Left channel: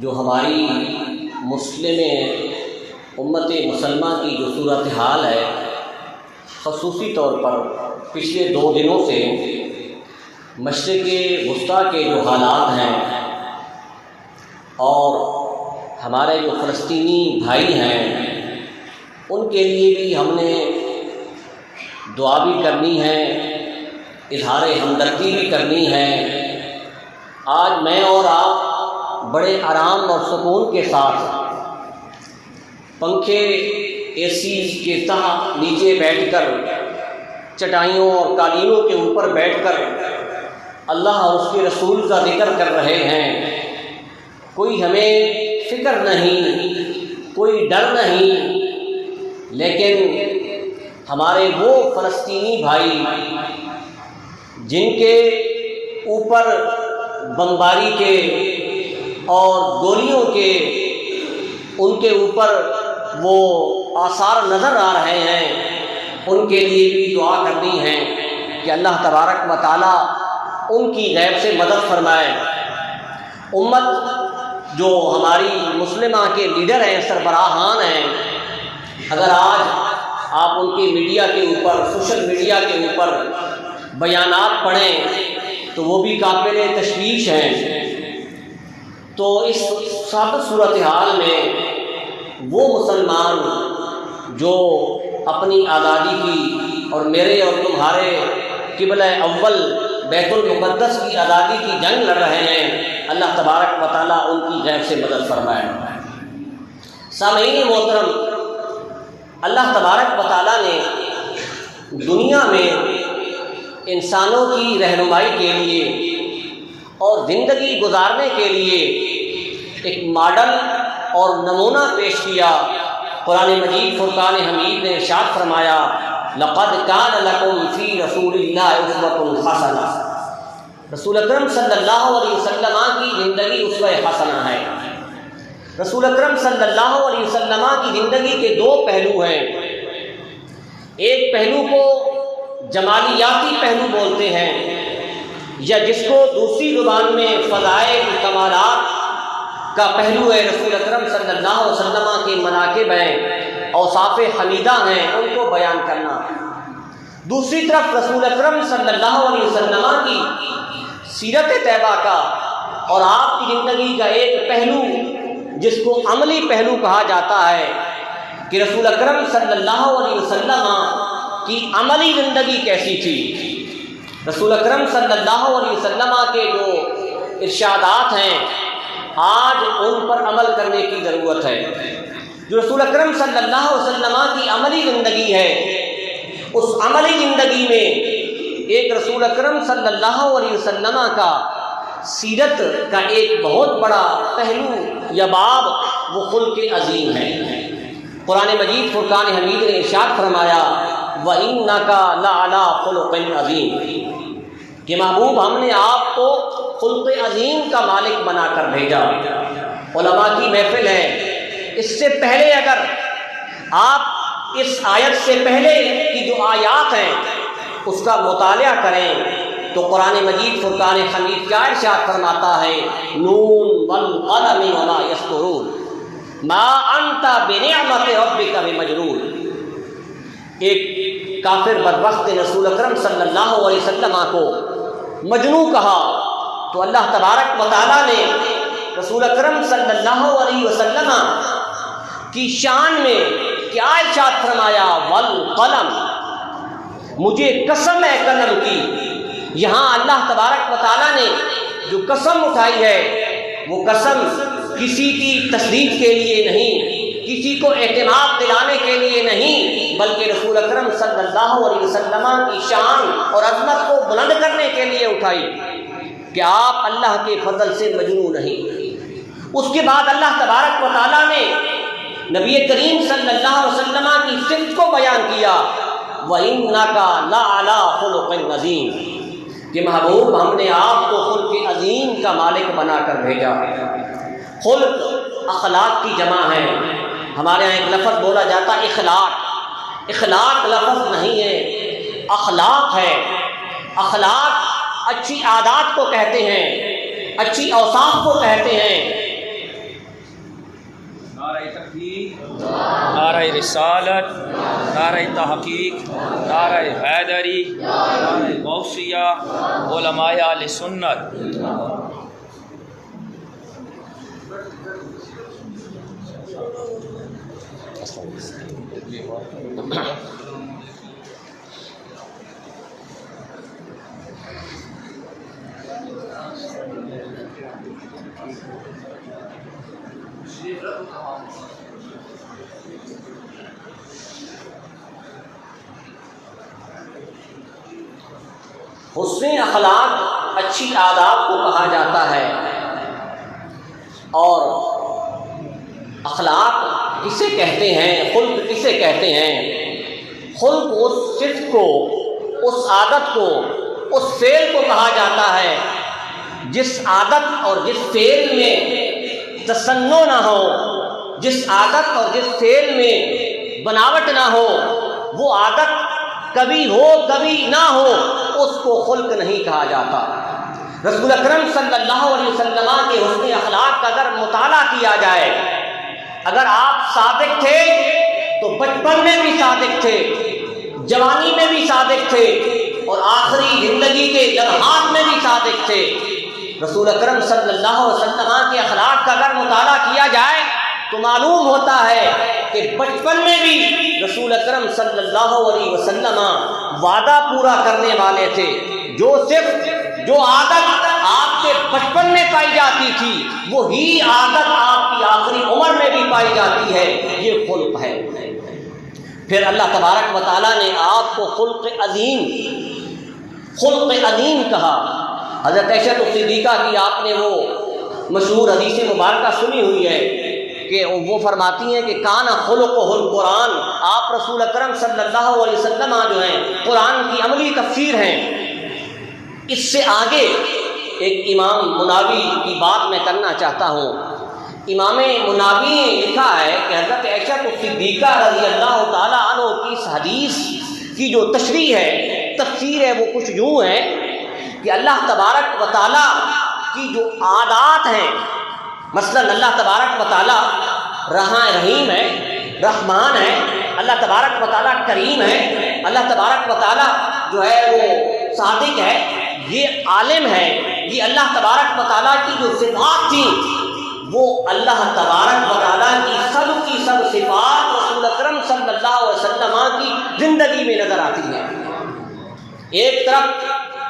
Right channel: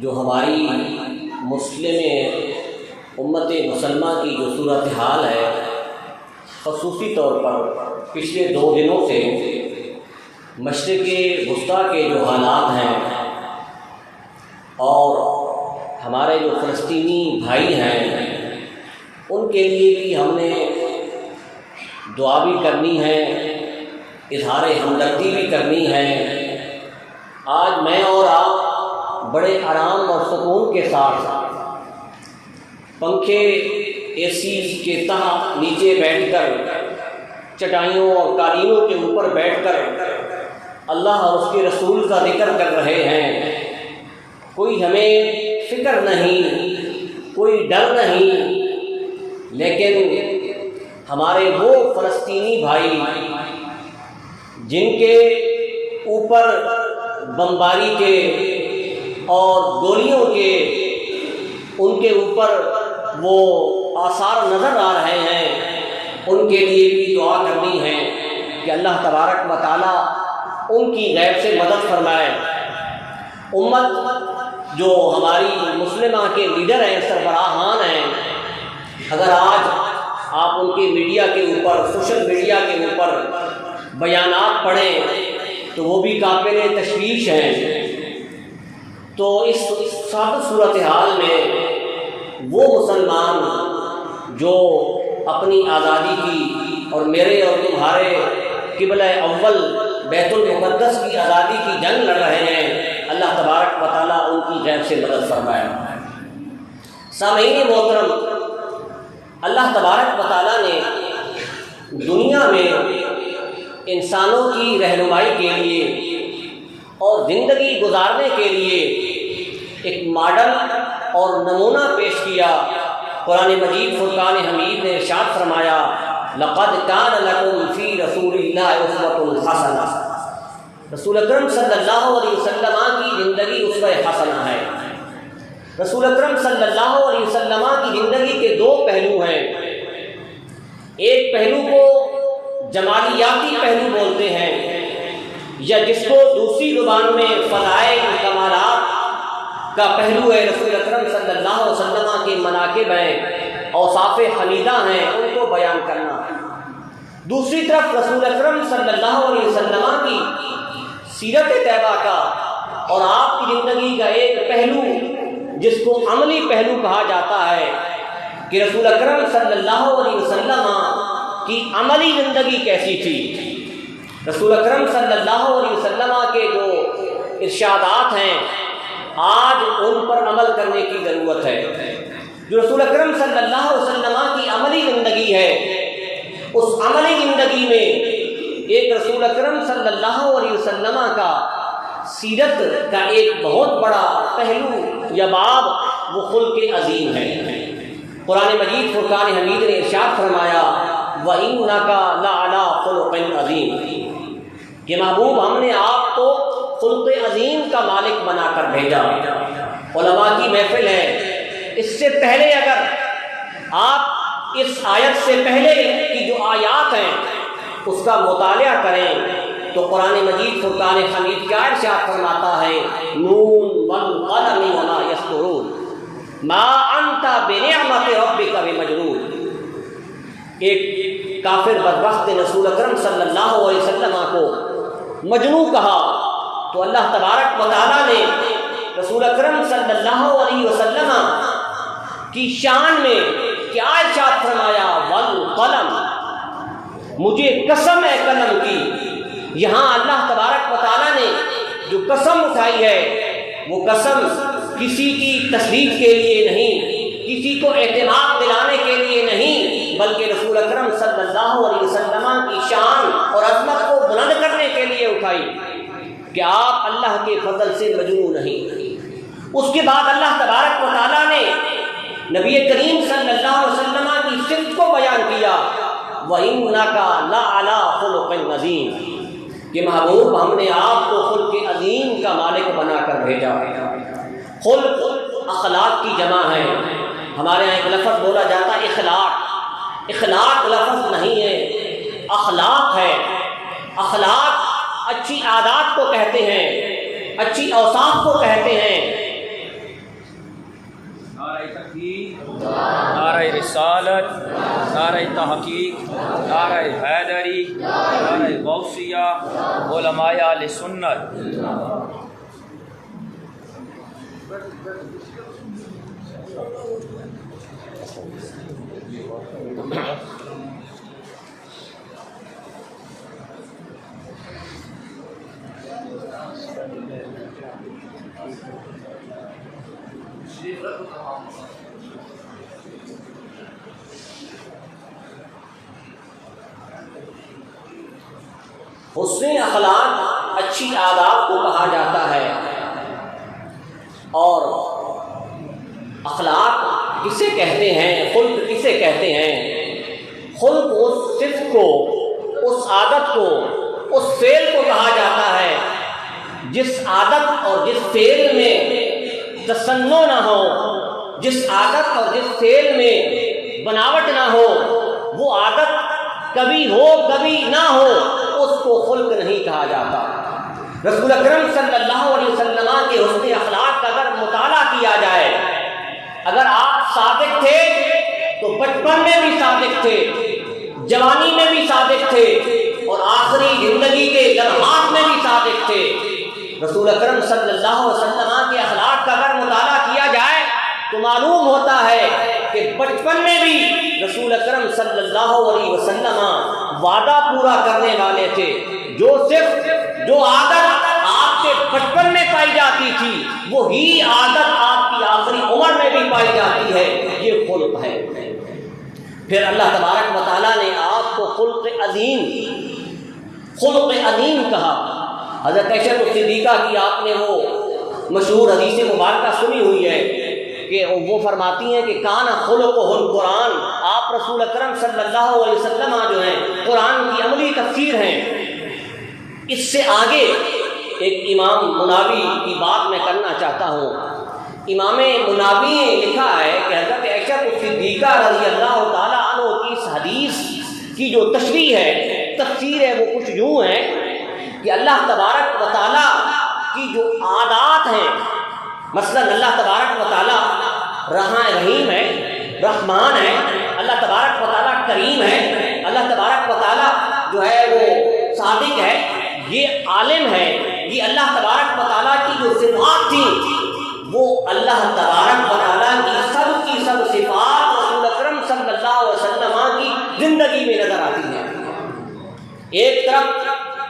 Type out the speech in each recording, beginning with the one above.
جو ہماری امت مسلمہ کی جو صورتحال ہے، خصوصی طور پر پچھلے 2 دنوں سے مشرق وسطیٰ کے جو حالات ہیں اور ہمارے جو فلسطینی بھائی ہیں ان کے لیے بھی ہم نے دعا بھی کرنی ہے، اظہار ہمدردی بھی کرنی ہے۔ آج میں اور آپ بڑے آرام اور سکون کے ساتھ پنکھے اے سی کے تحت نیچے بیٹھ کر، چٹائیوں اور قالینوں کے اوپر بیٹھ کر اللہ اور اس کے رسول کا ذکر کر رہے ہیں۔ کوئی ہمیں فکر نہیں، کوئی ڈر نہیں، لیکن ہمارے وہ فلسطینی بھائی جن کے اوپر بمباری کے اور گولیوں کے ان کے اوپر وہ آثار نظر آ رہے ہیں، ان کے لیے بھی دعا کرنی ہے کہ اللہ تبارک و تعالیٰ ان کی غیب سے مدد فرمائے۔ امت جو ہماری مسلمہ کے لیڈر ہیں، سربراہان ہیں، اگر آج آپ ان کے میڈیا کے اوپر، سوشل میڈیا کے اوپر بیانات پڑھیں تو وہ بھی قابل تشویش ہیں۔ تو اس سخت صورتحال میں وہ مسلمان جو اپنی آزادی کی اور میرے اور تمہارے قبلہ اول بیت المقدس کی آزادی کی جنگ لڑ رہے ہیں، اللہ تبارک و تعالیٰ ان کی غیب سے مدد فرمائے۔ سامعین محترم، اللہ تبارک و تعالیٰ نے دنیا میں انسانوں کی رہنمائی کے لیے اور زندگی گزارنے کے لیے ایک ماڈل اور نمونہ پیش کیا۔ قرآن مجید فرقان حمید نے ارشاد فرمایا، لقد کان لکم فی رسول اللہ اسوۃ حسنہ۔ رسول اکرم صلی اللہ علیہ وسلم کی زندگی اسوہ حسنہ ہے۔ رسول اکرم صلی اللہ علیہ وسلم کی زندگی کے 2 پہلو ہیں۔ ایک پہلو کو جمالیاتی پہلو بولتے ہیں، یا جس کو دوسری زبان میں فضائل کمالات کا پہلو ہے۔ رسول اکرم صلی اللہ علیہ وسلم کے مناقب ہیں، اوصاف حمیدہ ہیں، ان کو بیان کرنا۔ دوسری طرف رسول اکرم صلی اللہ علیہ وسلم کی سیرت طیبہ کا اور آپ کی زندگی کا ایک پہلو جس کو عملی پہلو کہا جاتا ہے کہ رسول اکرم صلی اللہ علیہ وسلم کی عملی زندگی کیسی تھی۔ رسول اکرم صلی اللہ علیہ وسلم کے جو ارشادات ہیں آج ان پر عمل کرنے کی ضرورت ہے۔ جو رسول اکرم صلی اللہ علیہ وسلم کی عملی زندگی ہے، اس عملی زندگی میں ایک رسول اکرم صلی اللہ علیہ وسلم کا سیرت کا ایک بہت بڑا پہلو یا باب وہ خلق عظیم ہے۔ قرآن مجید فرقان حمید نے ارشاد فرمایا، وَإِنَّكَ لَعَلَىٰ خُلُقٍ عَظِيمٍ، کہ محبوب ہم نے آپ کو خلق عظیم کا مالک بنا کر بھیجا۔ علماء کی محفل ہے، اس سے پہلے اگر آپ اس آیت سے پہلے کی جو آیات ہیں اس کا مطالعہ کریں تو قرآن مجید فرقان حمید کیا ارشاد فرماتا ہے، نون والقلم وما یسطرون ما انت بنعمت ربک بمجنون۔ ایک کافر بدبخت نے رسول اکرم صلی اللہ علیہ وسلم کو مجنون کہا تو اللہ تبارک و تعالیٰ نے رسول اکرم صلی اللہ علیہ وسلم کی شان میں کیا ارشاد فرمایا، والقلم، مجھے قسم ہے قلم کی۔ یہاں اللہ تبارک و تعالیٰ نے جو قسم اٹھائی ہے وہ قسم کسی کی تصدیق کے لیے نہیں، کسی کو اعتماد دلانے کے لیے نہیں، بلکہ رسول اکرم صلی اللہ علیہ وسلم کی شان اور عظمت کو بلند کرنے کے لیے اٹھائی کہ آپ اللہ کے فضل سے مجنون نہیں۔ اس کے بعد اللہ تبارک و تعالیٰ نے نبی کریم صلی اللہ علیہ وسلم کی صفت کو بیان کیا، وَإِنَّكَ لَعَلَىٰ خُلُقٍ عَظِيمٍ، کہ محبوب ہم نے آپ کو خلق عظیم کا مالک بنا کر بھیجا۔ خلق اخلاق کی جمع ہے۔ ہمارے یہاں ایک لفظ بولا جاتا ہے اخلاق۔ اخلاق لفظ نہیں ہے، اخلاق ہے۔ اخلاق اچھی عادات کو کہتے ہیں، اچھی اوصاف کو کہتے ہیں۔ رسالت، نعرہ تحقیق، نعرہ حیدری، نعرہ غوثیہ، علماء اہل سنت۔ حسن اخلاق اچھی عادات کو کہا جاتا ہے، اور اخلاق کسے کہتے ہیں، خلق کسے کہتے ہیں؟ خلق اس صفت کو، اس عادت کو، اس فعل کو کہا جاتا ہے جس عادت اور جس فعل میں تصنع نہ ہو، جس عادت اور جس فعل میں بناوٹ نہ ہو، وہ عادت کبھی ہو کبھی نہ ہو، اس کو خلق نہیں کہا جاتا۔ رسول اکرم صلی اللہ علیہ وسلم کے حسن اخلاق کا اگر مطالعہ کیا جائے، اگر آپ صادق تھے تو بچپن میں بھی صادق تھے، جوانی میں بھی صادق تھے، اور آخری زندگی کے لمحات میں بھی صادق تھے۔ رسول اکرم صلی اللہ علیہ وسلم کے اخلاق کا اگر مطالعہ کیا جائے تو معلوم ہوتا ہے کہ بچپن میں بھی رسول اکرم صلی اللہ علیہ وسلم وعدہ پورا کرنے والے تھے۔ جو عادت آپ کے بچپن میں پائی جاتی تھی، وہی عادت آپ کی آخری عمر میں بھی پائی جاتی ہے، یہ خلق ہے۔ پھر اللہ تبارک و تعالیٰ نے آپ کو خلق عظیم کہا۔ حضرت عائشہ صدیقہ کی آپ نے وہ مشہور حدیث مبارکہ سنی ہوئی ہے کہ وہ فرماتی ہیں کہ کان خلقہ القرآن، آپ رسول اکرم صلی اللہ علیہ وسلم جو ہیں قرآن کی عملی تفسیر ہیں۔ اس سے آگے ایک امام مناوی کی بات میں کرنا چاہتا ہوں۔ امام مناوی نے لکھا ہے کہ حضرت عائشہ صدیقہ رضی اللہ تعالیٰ عنہ کی اس حدیث کی جو تشریح ہے، تفسیر ہے، وہ کچھ یوں ہے کہ اللہ تبارک و تعالیٰ کی جو عادات ہیں، مثلا اللہ تبارک و تعالیٰ رحیم ہے، رحمان ہے، اللہ تبارک و تعالیٰ کریم ہے، اللہ تبارک و تعالیٰ جو ہے وہ صادق ہے، یہ عالم ہے، یہ اللہ تبارک و تعالیٰ کی جو صفات تھیں وہ اللہ تبارک و تعالیٰ کی سب صفات رسول اکرم صلی اللہ علیہ وسلم کی زندگی میں نظر آتی ہیں۔ ایک طرف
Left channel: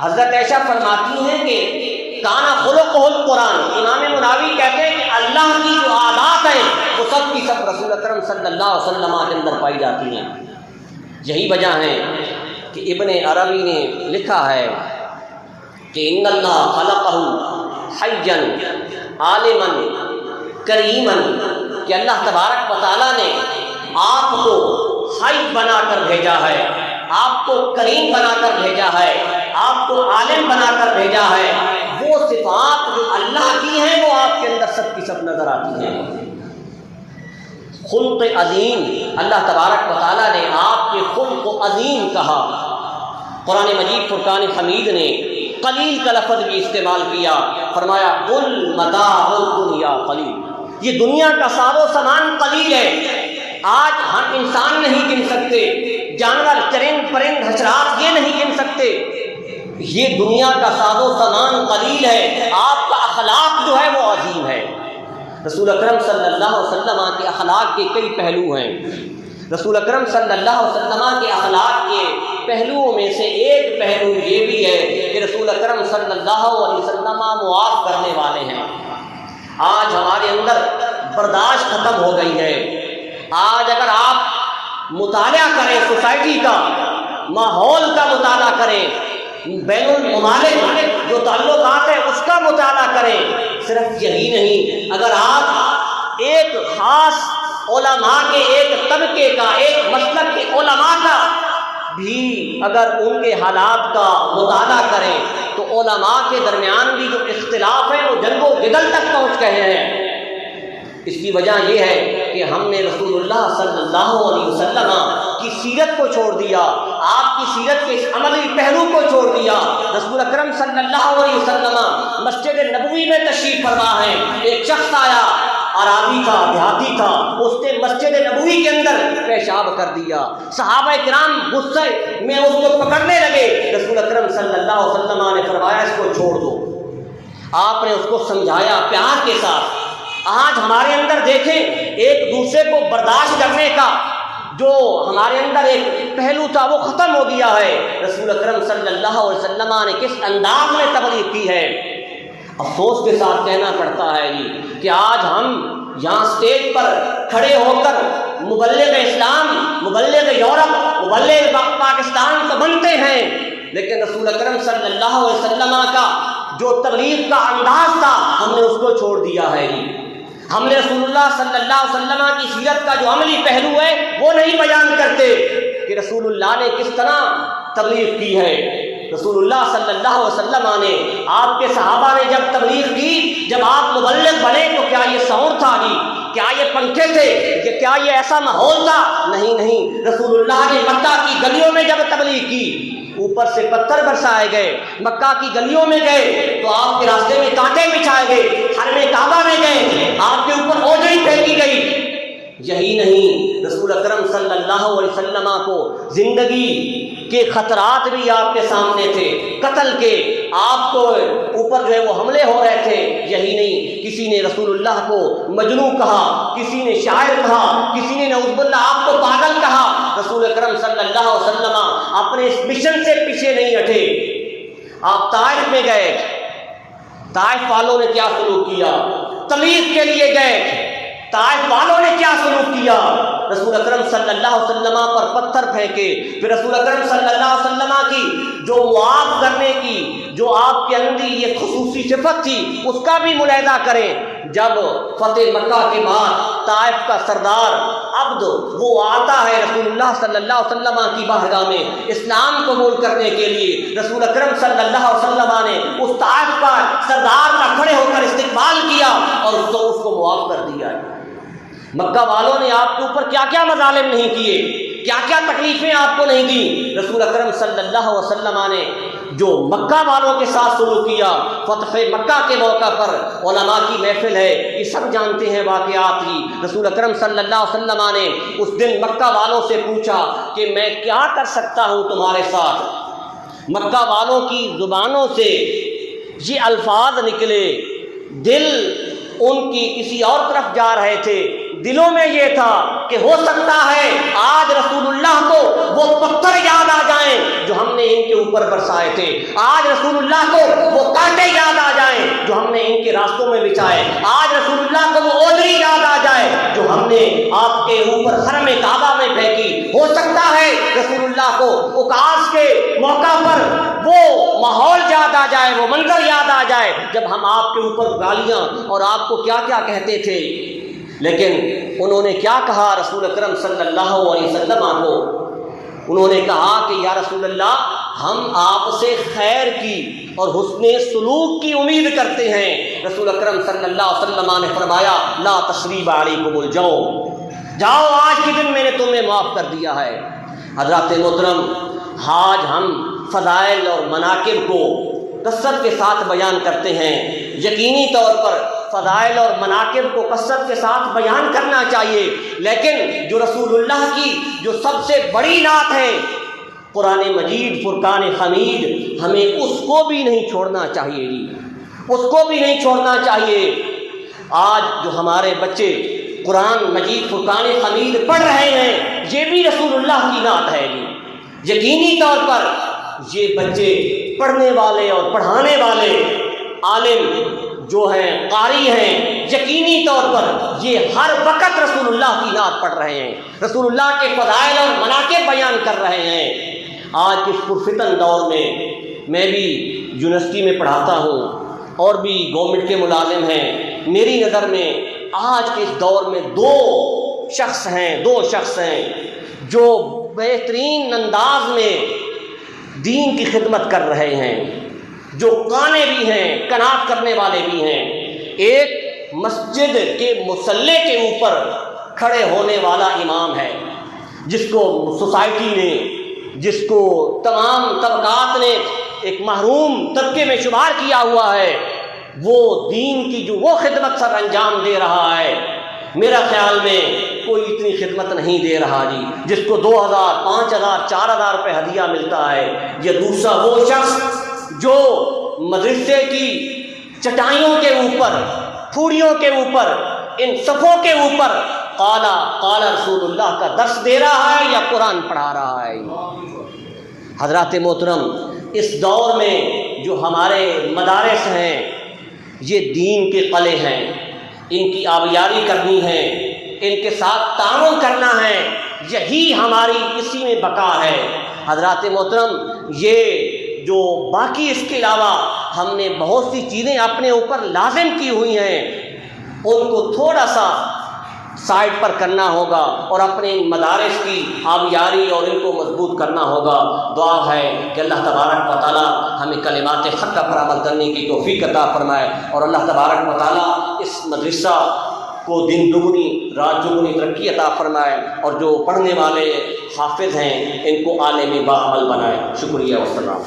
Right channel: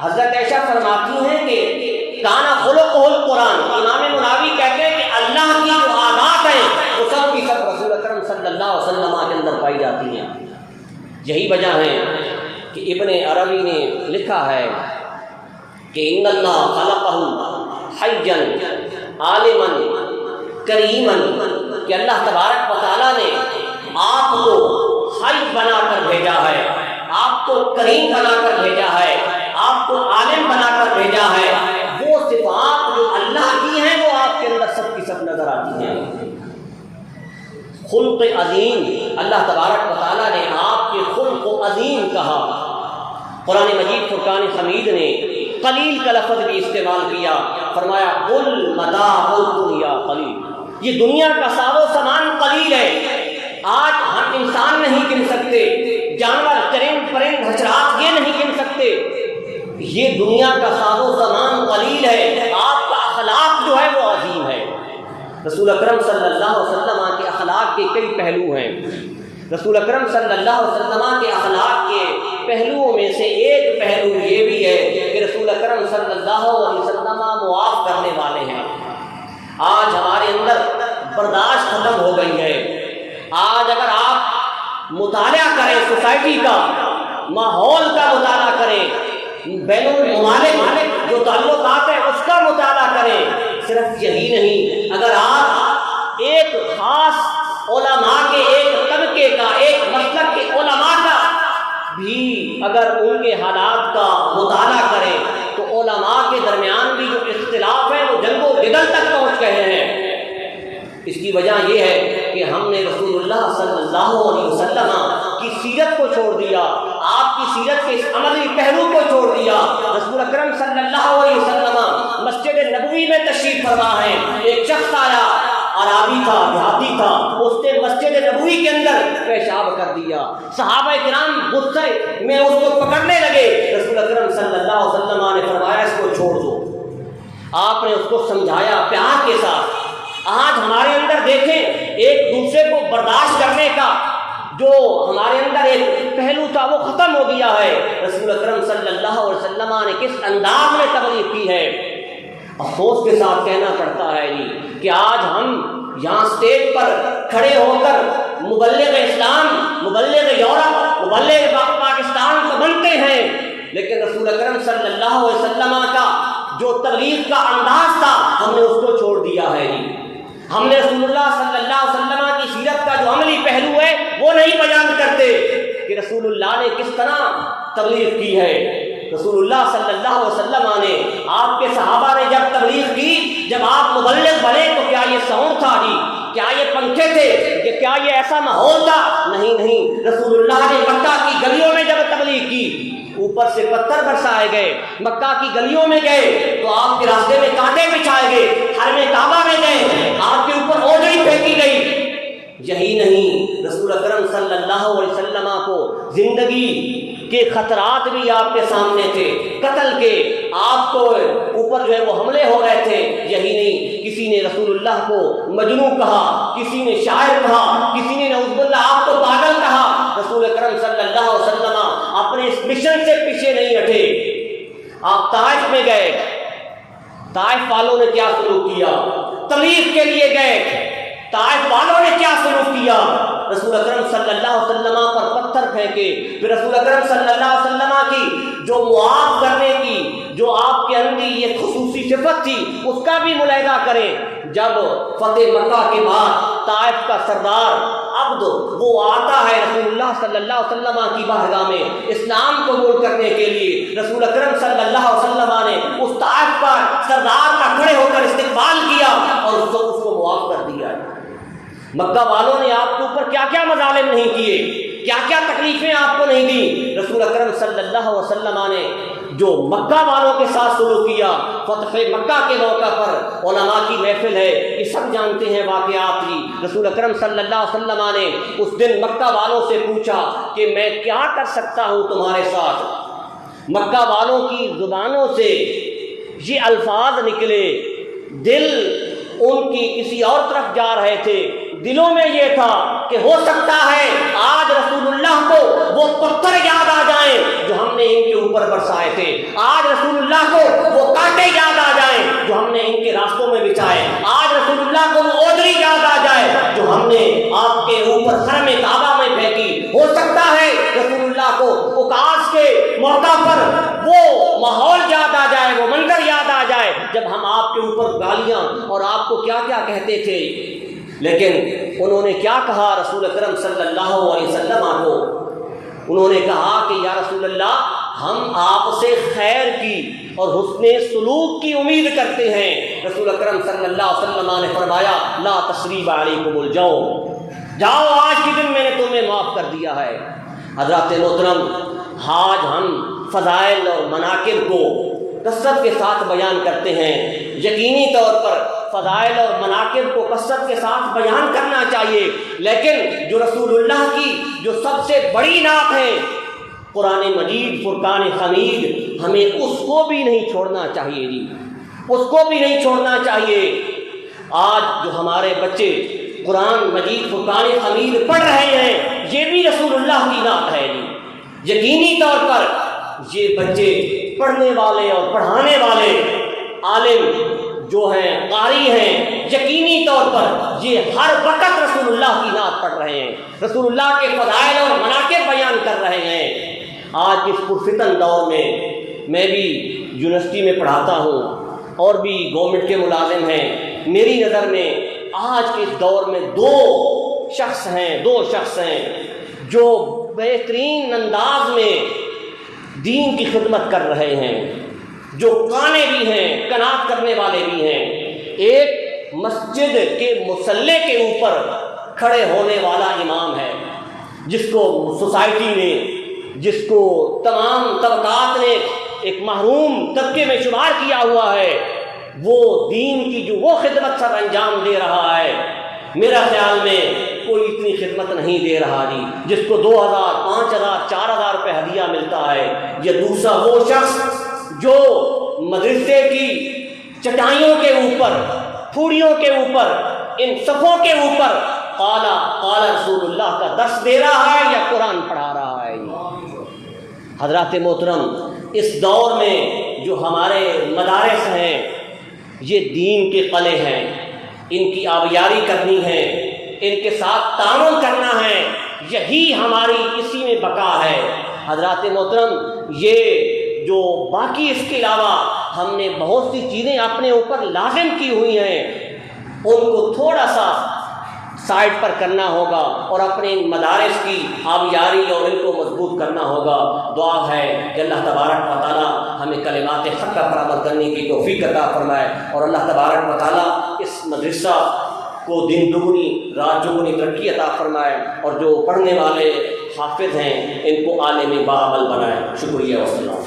حضرت عائشہ فرماتی ہیں کہ کانا خلقہ القرآن، امام مناوی کہتے ہیں کہ اللہ کی جو عادات ہیں وہ سب کی سب رسول اکرم صلی اللہ علیہ وسلم کے اندر پائی جاتی ہیں۔ یہی وجہ ہے کہ ابن عربی نے لکھا ہے کہ ان اللہ خلقہ حیا عالما کریما، کہ اللہ تبارک و تعالیٰ نے آپ کو حی بنا کر بھیجا ہے، آپ کو کریم بنا کر بھیجا ہے، آپ کو عالم بنا کر بھیجا ہے۔ وہ صفات جو اللہ کی ہیں وہ آپ کے اندر سب کی سب نظر آتی ہیں۔ خلق عظیم، اللہ تبارک و تعالیٰ نے آپ کے خلق عظیم کہا۔ قرآن مجید فرقان حمید نے قلیل کا لفظ بھی استعمال کیا، فرمایا قل متاع الدنیا قلیل، یہ دنیا کا ساز و سامان قلیل ہے۔ آج ہم انسان نہیں گن سکتے، جانور چرند پرند حشرات یہ نہیں گن سکتے، یہ دنیا کا ساز و سامان قلیل ہے۔ آپ کا اخلاق جو ہے وہ عظیم ہے۔ رسول اکرم صلی اللہ علیہ وسلم کے اخلاق کے کئی پہلو ہیں۔ رسول اکرم صلی اللہ علیہ وسلم کے اخلاق کے پہلوؤں میں سے ایک پہلو یہ بھی ہے کہ رسول اکرم صلی اللہ علیہ وسلم معاف کرنے والے ہیں۔ آج ہمارے اندر برداشت ختم ہو گئی ہے۔ آج اگر آپ مطالعہ کریں سوسائٹی کا، ماحول کا مطالعہ کریں، بین الممالک جو تعلقات ہیں اس کا مطالعہ کریں، صرف یہی نہیں، اگر آپ ایک خاص علماء کے ایک طبقے کا، ایک مسلک کے علماء کا بھی اگر ان کے حالات کا مطالعہ کریں تو علماء کے درمیان بھی جو اختلاف ہے وہ جنگ و جدل تک پہنچ گئے ہیں۔ اس کی وجہ یہ ہے کہ ہم نے رسول اللہ صلی اللہ علیہ وسلم کی سیرت کو چھوڑ دیا، آپ کی سیرت کے اس عملی پہلو کو چھوڑ دیا۔ رسول اکرم صلی اللہ علیہ وسلم مسجد نبوی میں تشریف فرما ہے، ایک شخص آیا، عرابی تھا، دیہاتی تھا، اس نے مسجد نبوی کے اندر پیشاب کر دیا۔ صحابہ کرام غصے میں اس کو پکڑنے لگے، رسول اکرم صلی اللہ علیہ وسلم نے فرمایا اس کو چھوڑ دو۔ آپ نے اس کو سمجھایا پیار کے ساتھ۔ آج ہمارے اندر دیکھیں ایک دوسرے کو برداشت کرنے کا جو ہمارے اندر ایک پہلو تھا وہ ختم ہو گیا ہے۔ رسول اکرم صلی اللہ علیہ وسلم نے کس انداز میں تبلیغ کی ہے، افسوس کے ساتھ کہنا پڑتا ہے کہ آج ہم یہاں اسٹیج پر کھڑے ہو کر مبلغ اسلام، مبلغ یورپ، مبلغ پاکستان تو بنتے ہیں، لیکن رسول اکرم صلی اللہ علیہ وسلم کا جو تبلیغ کا انداز تھا ہم نے اس کو چھوڑ دیا ہے۔ ہم نے رسول اللہ صلی اللہ علیہ وسلم کی سیرت کا جو عملی پہلو ہے وہ نہیں بیان کرتے کہ رسول اللہ نے کس طرح تبلیغ کی ہے۔ رسول اللہ صلی اللہ علیہ وسلم نے، آپ کے صحابہ نے جب تبلیغ کی، جب آپ مبلغ بنے تو کیا یہ ساؤنڈ تھا جی؟ کیا یہ پنکھے تھے؟ کہ کیا یہ ایسا ماحول تھا؟ نہیں، رسول اللہ نے مکہ کی گلیوں میں جب تبلیغ کی، اوپر سے پتھر برسائے گئے، مکہ کی گلیوں میں گئے تو آپ کے راستے میں کانٹے بچھائے گئے، حرم کعبہ میں گئے آپ کے اوپر اوجڑی پھینکی گئی۔ یہی نہیں، رسول اکرم صلی اللہ علیہ وسلم کو زندگی کے خطرات بھی آپ کے سامنے تھے، قتل کے آپ کو اوپر جو ہے وہ حملے ہو رہے تھے۔ یہی نہیں، کسی نے رسول اللہ کو مجنون کہا، کسی نے شاعر کہا، کسی نے نعوذ باللہ آپ کو پاگل کہا۔ رسول اکرم صلی اللہ علیہ وسلم اپنے اس مشن سے پیچھے نہیں ہٹے۔ آپ طائف میں گئے، طائف والوں نے کیا سلوک کیا؟ تبلیغ کے لیے گئے، طائف والوں نے کیا سلوک کیا؟ رسول اکرم صلی اللہ علیہ وسلم پر پتھر پھینکے۔ پھر رسول اکرم صلی اللہ علیہ وسلم کی جو معاف کرنے کی جو آپ کے اندر یہ خصوصی صفت تھی اس کا بھی ملاحظہ کریں۔ جب فتح مکہ کے بعد طائف کا سردار عبد وہ آتا ہے رسول اللہ صلی اللہ علیہ وسلم کی بارگاہ میں اسلام قبول کرنے کے لیے، رسول اکرم صلی اللہ علیہ وسلم نے اس طائف کا سردار کا کھڑے ہو کر استقبال کیا اور اس کو معاف کر دیا۔ مکہ والوں نے آپ کے اوپر کیا کیا مظالم نہیں کیے، کیا کیا تکلیفیں آپ کو نہیں دی۔ رسول اکرم صلی اللہ علیہ وسلم نے جو مکہ والوں کے ساتھ سلوک کیا، فتح مکہ کے موقع پر علماء کی محفل ہے، یہ سب جانتے ہیں واقعات ہی۔ رسول اکرم صلی اللہ علیہ وسلم نے اس دن مکہ والوں سے پوچھا کہ میں کیا کر سکتا ہوں تمہارے ساتھ۔ مکہ والوں کی زبانوں سے یہ الفاظ نکلے، دل ان کی کسی اور طرف جا رہے تھے، دلوں میں یہ تھا کہ ہو سکتا ہے آج رسول اللہ کو وہ پتھر یاد آ جائیں جو ہم نے ان کے اوپر برسائے تھے، آج رسول اللہ کو وہ کانٹے یاد آ جائیں جو ہم نے ان کے راستوں میں بچھائے، آج رسول اللہ کو وہ اوجڑی یاد آ جائے جو ہم نے آپ کے اوپر حرم کعبہ میں پھینکی۔ ہو سکتا ہے رسول اللہ کو اوکاس کے موقع پر وہ ماحول یاد آ جائے، وہ منظر یاد آ جائے جب ہم آپ کے اوپر گالیاں اور آپ کو کیا کیا کہتے تھے۔ لیکن انہوں نے کیا کہا رسول اکرم صلی اللہ علیہ وسلم کو؟ انہوں نے کہا کہ یا رسول اللہ ہم آپ سے خیر کی اور حسن سلوک کی امید کرتے ہیں۔ رسول اکرم صلی اللہ علیہ وسلم نے فرمایا لا تثریب علیکم، جاؤ آج کے دن میں نے تمہیں معاف کر دیا ہے۔ حضرات محترم، آج ہم فضائل اور مناقب کو کثرت کے ساتھ بیان کرتے ہیں، یقینی طور پر فضائل اور مناقب کو کثرت کے ساتھ بیان کرنا چاہیے، لیکن جو رسول اللہ کی جو سب سے بڑی نعت ہے قرآن مجید فرقان حمید، ہمیں اس کو بھی نہیں چھوڑنا چاہیے جی، اس کو بھی نہیں چھوڑنا چاہیے۔ آج جو ہمارے بچے قرآن مجید فرقان حمید پڑھ رہے ہیں یہ بھی رسول اللہ کی نعت ہے جی۔ یقینی طور پر یہ بچے پڑھنے والے اور پڑھانے والے عالم جو ہیں، قاری ہیں، یقینی طور پر یہ ہر وقت رسول اللہ کی نعت پڑھ رہے ہیں، رسول اللہ کے فضائل اور مناقب بیان کر رہے ہیں۔ آج کے پرفتن دور میں بھی یونیورسٹی میں پڑھاتا ہوں اور بھی گورنمنٹ کے ملازم ہیں، میری نظر میں آج کے اس دور میں دو شخص ہیں جو بہترین انداز میں دین کی خدمت کر رہے ہیں، جو قانے بھی ہیں، قناعت کرنے والے بھی ہیں۔ ایک مسجد کے مصلی کے اوپر کھڑے ہونے والا امام ہے جس کو سوسائٹی نے، جس کو تمام طبقات نے ایک محروم طبقے میں شمار کیا ہوا ہے، وہ دین کی جو وہ خدمت سر انجام دے رہا ہے، میرا خیال میں کوئی اتنی خدمت نہیں دے رہا جی، جس کو 2000 5000 4000 روپے ہدیہ ملتا ہے، یا دوسرا وہ شخص جو مدرسے کی چٹائیوں کے اوپر، پھوڑیوں کے اوپر، ان صفوں کے اوپر قال رسول اللہ کا درس دے رہا ہے یا قرآن پڑھا رہا ہے۔ حضرات محترم، اس دور میں جو ہمارے مدارس ہیں یہ دین کے قلعے ہیں، ان کی آبیاری کرنی ہے، ان کے ساتھ تعاون کرنا ہے، یہی ہماری اسی میں بقا ہے۔ حضرات محترم، یہ جو باقی اس کے علاوہ ہم نے بہت سی چیزیں اپنے اوپر لازم کی ہوئی ہیں، ان کو تھوڑا سا سائڈ پر کرنا ہوگا اور اپنے مدارس کی آبیاری اور ان کو مضبوط کرنا ہوگا۔ دعا ہے کہ اللہ تبارک و تعالی ہمیں کلمات حق پر عمل کرنے کی توفیق عطا فرمائے، اور اللہ تبارک و تعالی اس مدرسہ کو دن دگنی رات چگنی ترقی عطا فرمائے، اور جو پڑھنے والے حافظ ہیں ان کو عالم باعمل بنائے۔ شکریہ والسلام۔